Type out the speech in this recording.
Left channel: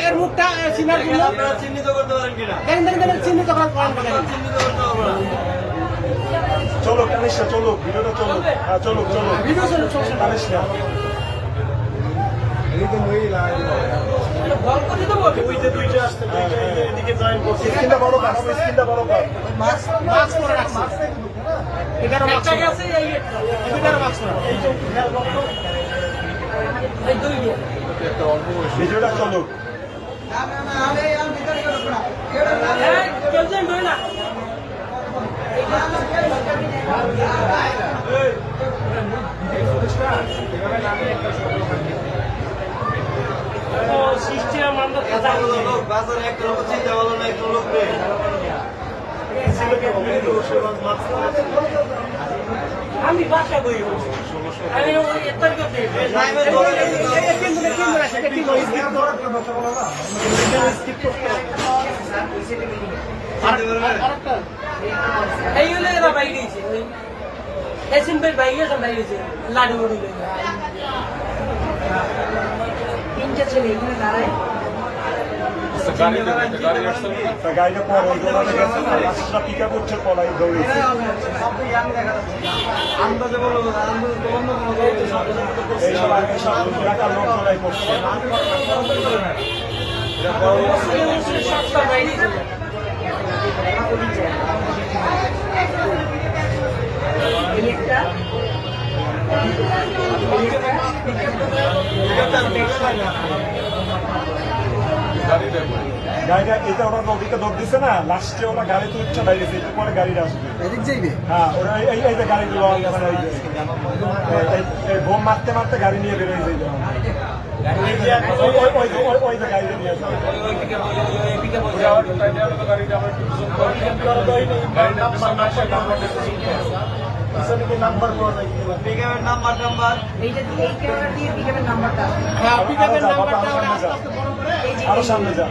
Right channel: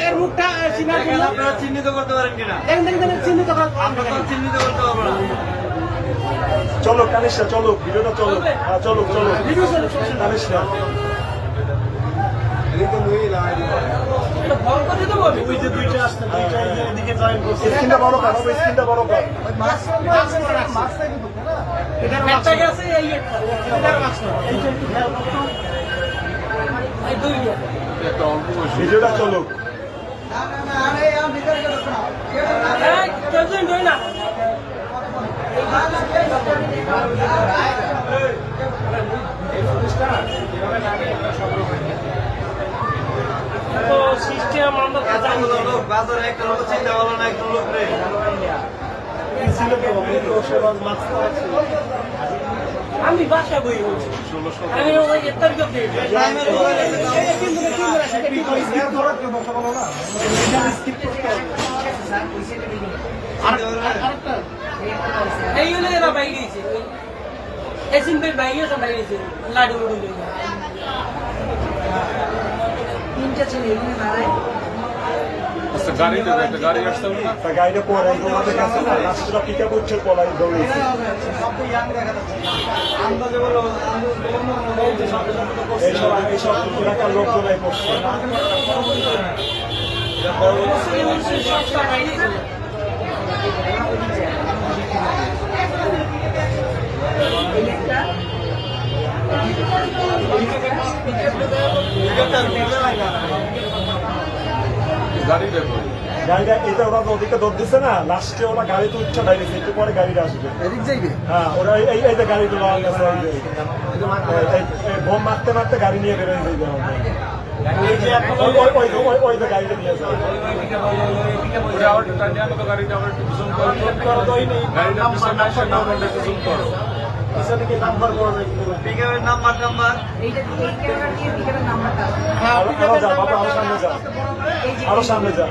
এর মুখটা চিহ্নিত করতে পারেন কিনা চিহ্নিত করতে পারবেন। চলো কানিশা চলো ভিডিওটা চলো চলো চলো কানিশা স্ক্রিনটা বড় কর স্ক্রিনটা বড় কর ভিডিওটা চলো আমি বাসা বই এইগুলো এরা বাইরেছে এই সিম্পের বাইরে সব বাইরেছে লাডু দিলে তিনটা ছেলে গাড়িটা পরে পিক আপ উঠছে পলাই দৌড়েছে এইসব এলাকার লোকজনাই করছে গাড়িটা এটা ওরা নদীতে দৌড় দিচ্ছে না লাস্টে ওরা গাড়িতে উঠছে দাঁড়িয়েছে একটু পরে গাড়িটা আসবে হ্যাঁ ওরা এই যে গাড়িটা বোম মারতে মারতে গাড়ি নিয়ে বেরোয় যাইবে ওই যে গাড়িটা নিয়ে যাবে আরো সামনে যা